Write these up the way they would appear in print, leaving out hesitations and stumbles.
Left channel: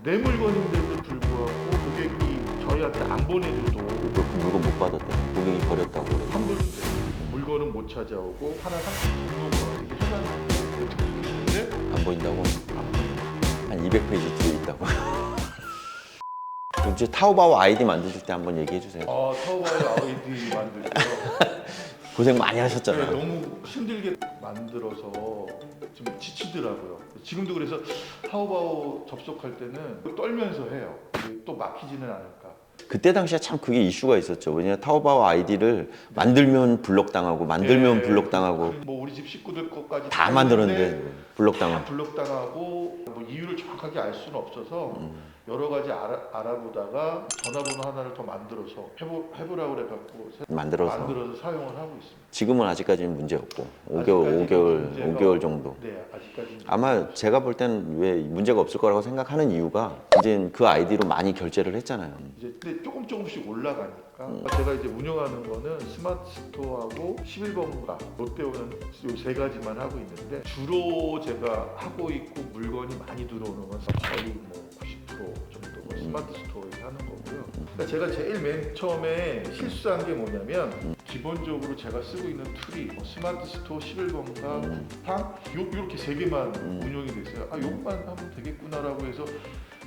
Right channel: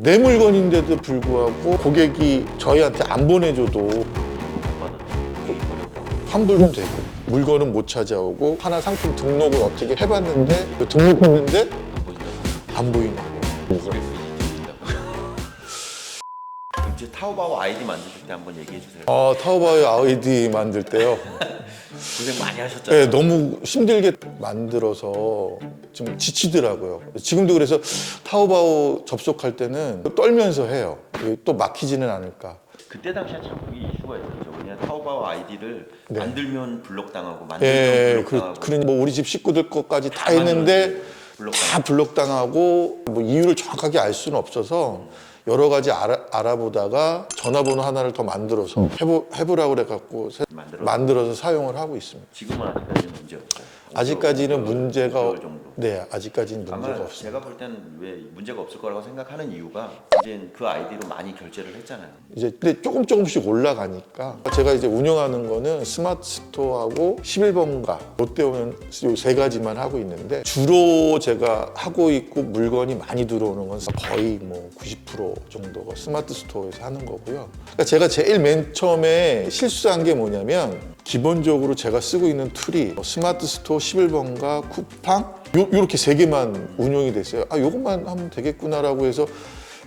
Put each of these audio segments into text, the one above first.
내 물건인데도 불구하고 고객이 저희한테 안 보내줘도 물건 못 받았다. 고객이 버렸다고. 환불은 되고 물건은 못 찾아오고 하나 상품 등록을 어떻게 해봤는데 그 등록했는데 안 보인다고. 안 보이고 200페이지 들린다고. 그럼 이제 타오바오 아이디 만드실 때 한번 얘기해 주세요. 타오바오의 아이디 만들 때요. 고생 많이 하셨잖아요. 네, 너무 힘들게 만들어서 좀 지치더라고요. 지금도 그래서 타오바오 접속할 때는 떨면서 해요. 또 막히지는 않을까. 그때 당시에 참 그게 이슈가 있었죠. 왜냐면 타오바오 아이디를 네. 만들면 블록당하고 만들면 블록당하고 뭐 우리 집 식구들 것까지 다 다 했는데 만들었는데 블록당하고. 다 블록당하고 뭐 이유를 정확하게 알 수는 없어서 여러 가지 알아보다가 전화번호 하나를 더 만들어서 해보라고 그래갖고 만들어서 사용을 하고 있습니다. 지금은 아직까지는 문제 없고. 아직까지는 문제가 5개월 정도. 네, 아직까지는 아마 문제가 없어요. 제가 볼 땐 왜 문제가 없을 거라고 생각하는 이유가 이제 그 아이디로 많이 결제를 했잖아요. 이제 근데 조금씩 올라가니까 제가 이제 운영하는 거는 스마트 스토어하고 11번가 롯데오는 이 세 가지만 하고 있는데 주로 제가 하고 있고 물건이 많이 들어오는 건 거의 뭐 90% 정도가 스마트 스토어에서 하는 거고요. 그러니까 제가 제일 맨 처음에 실수한 게 뭐냐면 기본적으로 제가 쓰고 있는 툴이 스마트 스토어 11번가 쿠팡 요렇게 세 개만 운영이 됐어요. 요것만 하면 되겠구나라고 해서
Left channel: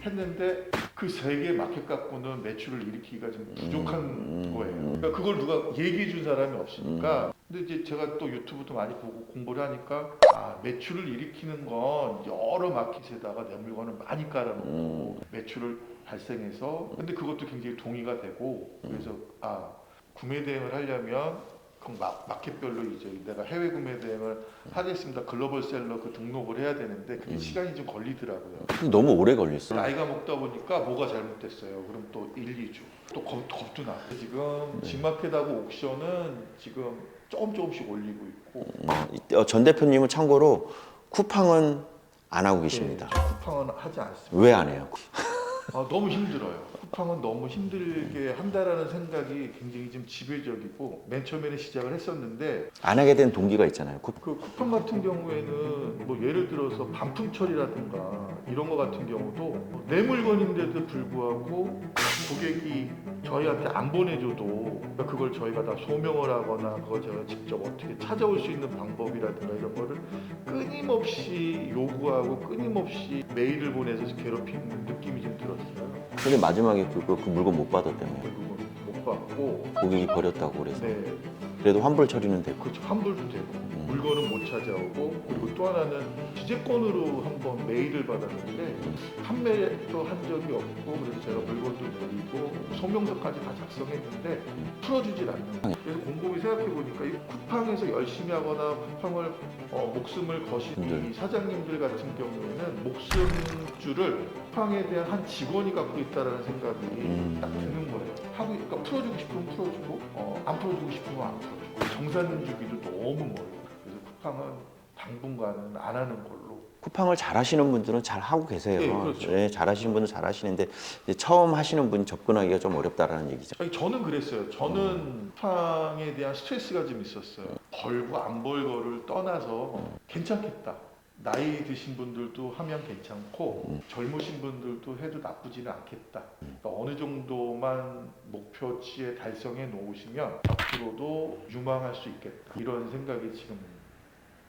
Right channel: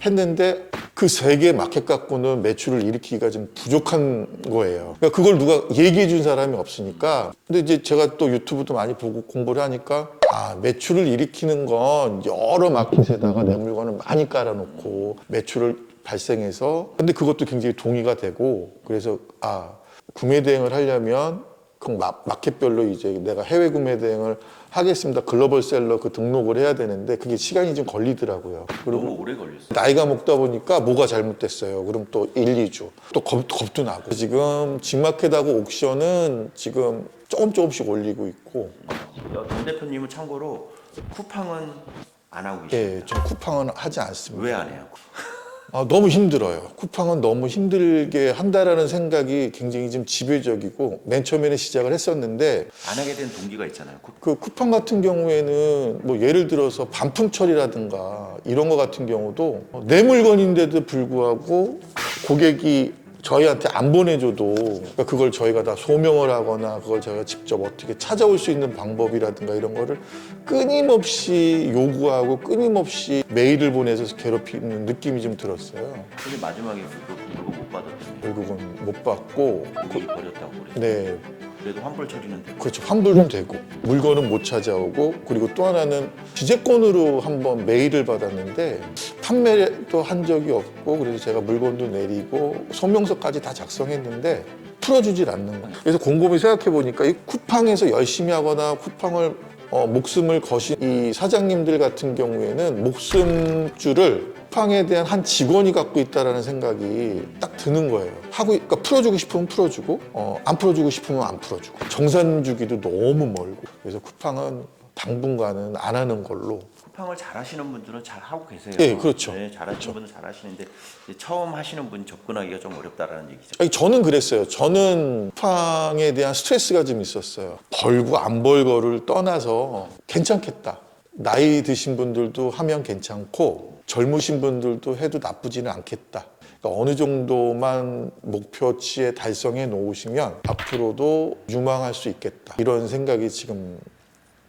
했는데 그 세 개 마켓 갖고는 매출을 일으키기가 좀 부족한 거예요. 그러니까 그걸 누가 얘기해 준 사람이 없으니까. 근데 이제 제가 또 유튜브도 많이 보고 공부를 하니까 매출을 일으키는 건 여러 마켓에다가 내 물건을 많이 깔아놓고 매출을 발생해서 근데 그것도 굉장히 동의가 되고 그래서 구매 대행을 하려면 그 마켓별로 이제 내가 해외 구매 대행을 하겠습니다. 글로벌 셀러 그 등록을 해야 되는데 그게 시간이 좀 걸리더라고요. 너무 오래 걸렸어요. 나이가 먹다 보니까 뭐가 잘못됐어요. 그럼 또 1, 2주. 또 겁도 나고. 지금 직마켓하고 옥션은 지금 조금씩 올리고 있고. 전 대표님은 참고로 쿠팡은 안 하고 예, 계십니다. 전 쿠팡은 하지 않습니다. 왜 안 해요? 너무 힘들어요. 쿠팡은 너무 힘들게 한다라는 생각이 굉장히 좀 지배적이고 맨 처음에는 시작을 했었는데 안 하게 된 동기가 있잖아요. 그 쿠팡 같은 경우에는 뭐 예를 들어서 반품 처리라든가 이런 거 같은 경우도 내 물건인데도 불구하고 고객이 저희한테 안 보내줘도 그러니까 그걸 저희가 다 소명을 하거나 그걸 저희가 직접 어떻게 찾아올 수 있는 방법이라든가 이런 거를 끊임없이 요구하고 끊임없이 메일을 보내서 괴롭히는 느낌이 좀 들었어요. 근데 마지막에 그 물건 못 받았다며. 결국은 못 받고 고객이 버렸다고 그래서. 네. 그래도 환불 처리는 됐고. 그렇죠. 환불은 되고 물건은 못 찾아오고 그리고 또 하나는 주재권으로 한번 메일을 받았는데 판매도 한 적이 없고 그래서 제가 물건도 내리고 소명서까지 다 작성했는데 풀어주질 않는 거예요. 그래서 곰곰이 생각해 보니까 이 쿠팡에서 열심히 하거나 쿠팡을 목숨을 거신 이 사장님들 같은 경우에는 목숨줄을 쿠팡에 대한 한 직원이 갖고 있다라는 생각이 딱 드는 거예요. 그러니까 풀어주고 싶으면 풀어주고 안 풀어주고 싶으면 안 풀어주고 정산 주기도 너무 멀고 그래서 쿠팡은 당분간은 안 하는 걸로. 쿠팡을 잘 하시는 분들은 잘 하고 계세요. 네, 그렇죠. 네, 잘 하시는 분은 잘 하시는데 이제 처음 하시는 분이 접근하기가 좀 어렵다라는 얘기죠. 아니, 저는 그랬어요. 저는 쿠팡에 대한 스트레스가 좀 있었어요. 벌고 안 벌고를 떠나서 괜찮겠다. 나이 드신 분들도 하면 괜찮고 젊으신 분들도 해도 나쁘지는 않겠다. 그러니까 어느 정도만 목표치에 달성해 놓으시면 앞으로도 유망할 수 있겠다. 이런 생각이 지금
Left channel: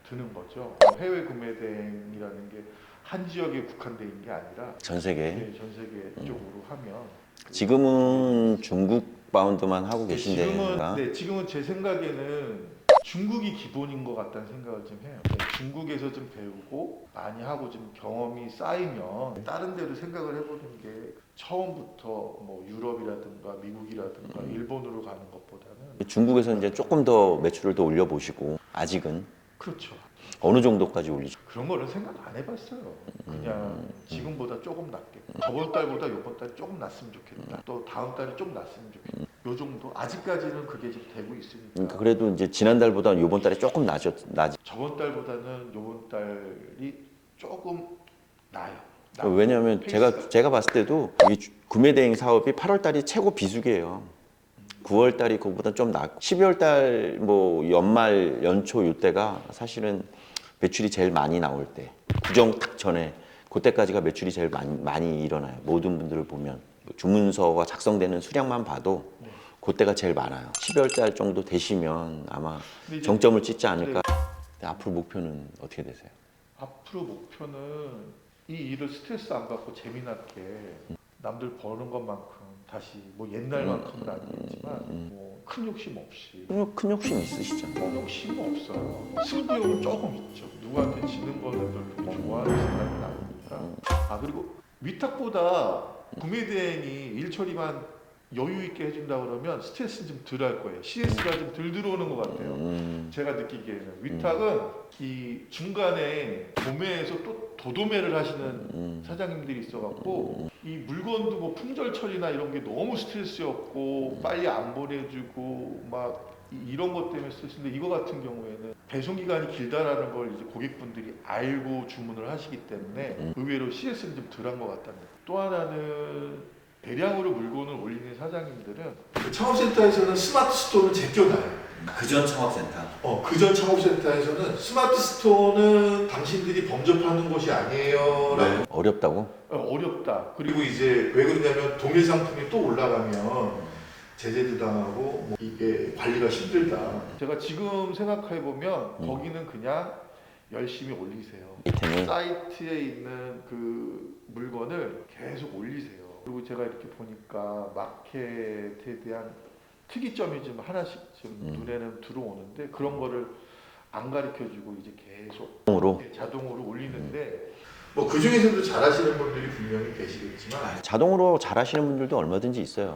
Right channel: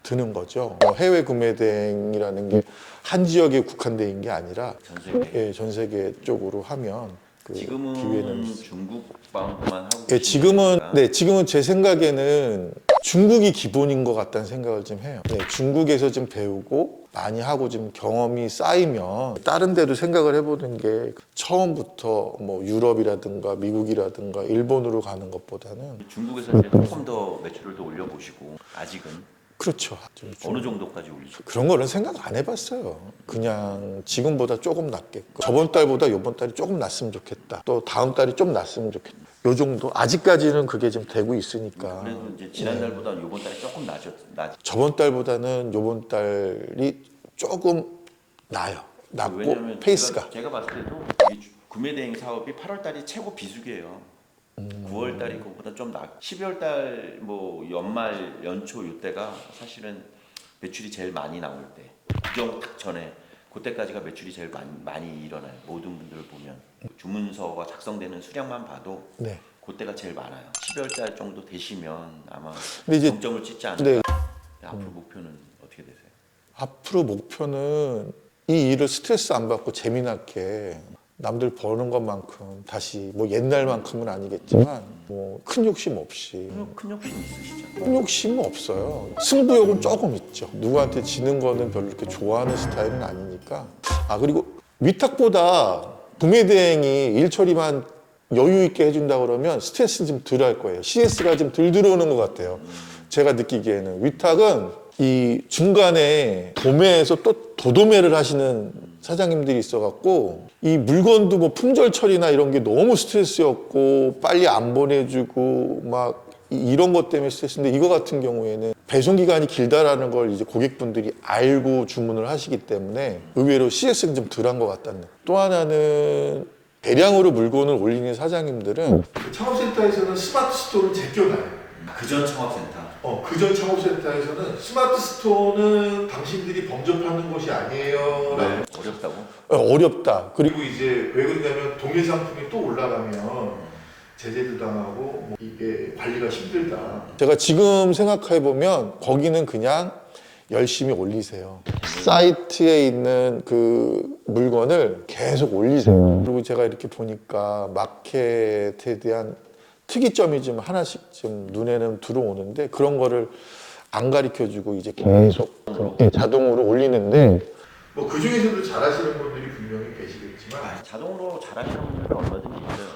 드는 거죠. 해외 구매 대행이라는 게 한 지역에 국한되어 있는 게 아니라 전 세계. 전 세계 쪽으로 하면 지금은 중국 바운드만 하고 네, 계시는 지금은 제 생각에는 중국이 기본인 것 같다는 생각을 좀 해요. 네, 중국에서 좀 배우고 많이 하고 좀 경험이 쌓이면 다른 데도 생각을 해보는 게 처음부터 뭐 유럽이라든가 미국이라든가 일본으로 가는 것보다는 중국에서 이제 조금 더 매출을 더 올려보시고 아직은 그렇죠. 어느 정도까지 올리시고 그런 거는 생각 안 해봤어요. 그냥 지금보다 조금 낫겠고 저번 달보다 이번 달이 조금 낫으면 좋겠다. 또 다음 달이 좀 낫으면 좋겠다. 요 정도 아직까지는 그게 좀 되고 있으니까. 그래도 이제 지난달보다는 이번 달에 조금 나지. 저번 달보다는 이번 달이 조금 나아요. 낫고 왜냐하면 페이스가. 제가 봤을 때도 이 구매 대행 사업이 8월 달이 최고 비수기예요. 9월 달이 그거보다 좀 낫고 12월 달 뭐 연말 연초 이때가 사실은 매출이 제일 많이 나올 때 구정 딱 전에 그때까지가 매출이 제일 많이 일어나요. 모든 분들을 보면 주문서가 작성되는 수량만 봐도 네. 그때가 제일 많아요. 12월 달 정도 되시면 아마 근데 이제- 정점을 찍지 않을까. 네. 앞으로 목표는 어떻게 되세요? 앞으로 목표는 이 일을 스트레스 안 받고 재미나게 남들 버는 것만큼 다시 뭐 옛날만큼은 아니겠지만 뭐 큰 욕심 없이 큰 욕심 있으시죠? 큰 욕심은 없어요. 승부욕은 조금 있죠. 누구한테 지는 거는 별로 이렇게 좋아하는 스타일은 아니니까. 아 그리고 위탁보다 구매 대행이 일 처리만 여유 있게 해준다 그러면 스트레스는 좀 덜 할 거예요. CS가 좀 덜 들어오는 것 같아요. 제가 느끼기에는 위탁은 이 중간에 도매에서 또 도도매를 하시는 사장님들이 있어갖고 이 물건도 뭐 품절 처리나 이런 게 너무 스트레스였고 빨리 안 보내주고 막 이런 것 때문에 스트레스인데 이거 같은 경우에는 배송 기간이 길다라는 걸 이제 고객분들이 알고 주문을 하시기 때문에 의외로 CS는 좀 덜한 것 같다는. 또 하나는 대량으로 물건을 올리는 사장님들은 창업센터에서는 스마트 스토어를 제껴놔요. 그전 창업센터. 그전 창업센터에서는 스마트 스토어는 당신들이 범접하는 곳이 아니에요. 네. 어렵다고? 어렵다. 그리고 이제 왜 그러냐면 동일 상품이 또 올라가면 제재도 당하고 뭐 이게 관리가 힘들다. 제가 지금 생각해 보면 거기는 그냥 열심히 올리세요. 사이트에 있는 그 물건을 계속 올리세요. 그리고 제가 이렇게 보니까 마켓에 대한 특이점이 좀 하나씩 좀 눈에는 들어오는데 그런 거를 안 가르쳐주고 이제 계속 자동으로 올리는데 뭐 그 중에서도 잘하시는 분들이 분명히 계시겠지만 자동으로 잘하시는 분들도 얼마든지 있어요.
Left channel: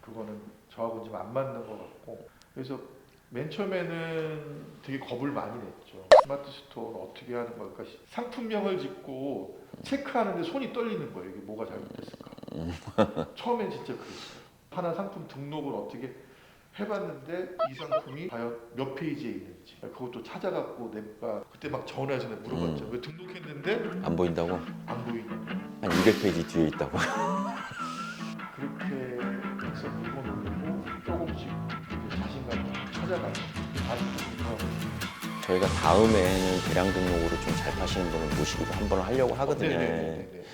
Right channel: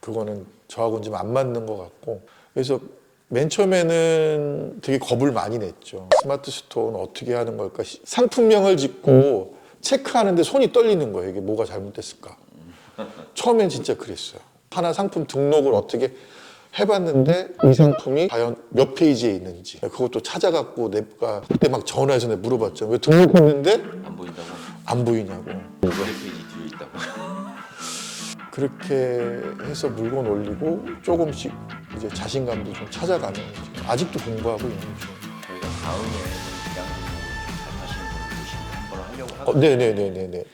그거는 저하고는 좀 안 맞는 것 같고 그래서 맨 처음에는 되게 겁을 많이 냈죠. 스마트 스토어는 어떻게 하는 걸까? 상품명을 짓고 체크하는데 손이 떨리는 거예요. 이게 뭐가 잘못됐을까? 처음엔 진짜 그랬어요. 하나 상품 등록을 어떻게 해봤는데 이 상품이 과연 몇 페이지에 있는지 그것도 찾아갖고 내가 그때 막 전화해서 내가 물어봤죠. 왜 등록했는데 안 보인다고? 안 보이냐고. 200페이지 뒤에 있다고. 그렇게 해서 물건 올리고 조금씩 이제 자신감도 좀 찾아가는 거죠. 아직도 공부하고 있는 거죠. 저희가 다음에는 대량 등록으로 좀 잘 파시는 분을 모시기도 한번 하려고 하거든요. 네네네네.